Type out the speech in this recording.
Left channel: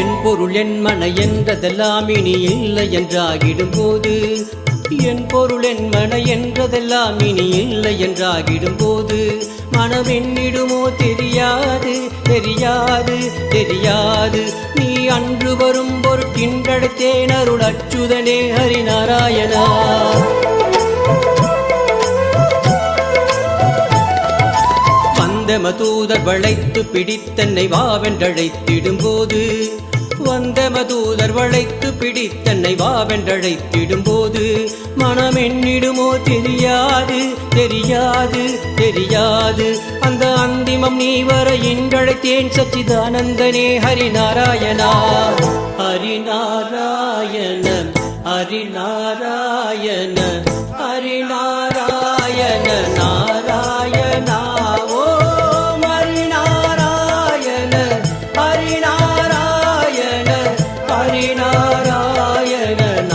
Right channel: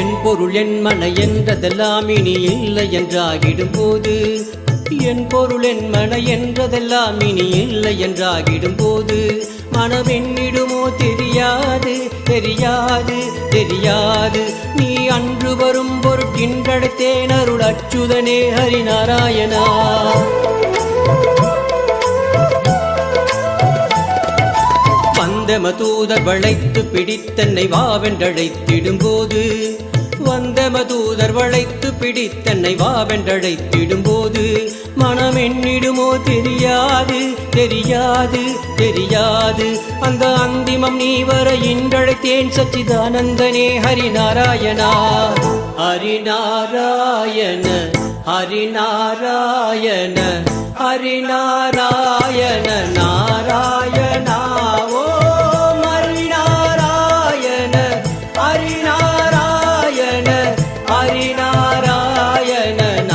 என் பொருள் என் மன என்றதெல்லாம் இனி இல்லை என்றாகிடும் போது. என் பொருள் என் மன என்றதெல்லாம் இனி இல்லை என்றாகிடும் போது. மனவென்னிடுமோ தெரியாது தெரியாது தெரியாது. நீ அன்று வரும் பொருட்கின்றடத்தேன் அருள் அச்சுதனே ஹரிநாராயணா. வந்தம தூதர் வளைத்து பிடித்தன்னை வாவென்றழைத்திடும் போது வந்த மதூதர் வளைத்து பிடித்தன்னை வாவென்றழைத்திடும் போது மனம் எண்ணிடுமோ தெரியாது தெரியாது தெரியாது. அந்த அந்திமம் நீ வர இன்றழைத்தேன் சச்சிதானந்தனே ஹரிநாராயணா. ஹரிநாராயண ஹரிநாராயண ஹரிநாராயண நாராயணா. ஓம் ஹரிநாராயண ஹரிநாராயண. ஹரிநாராயண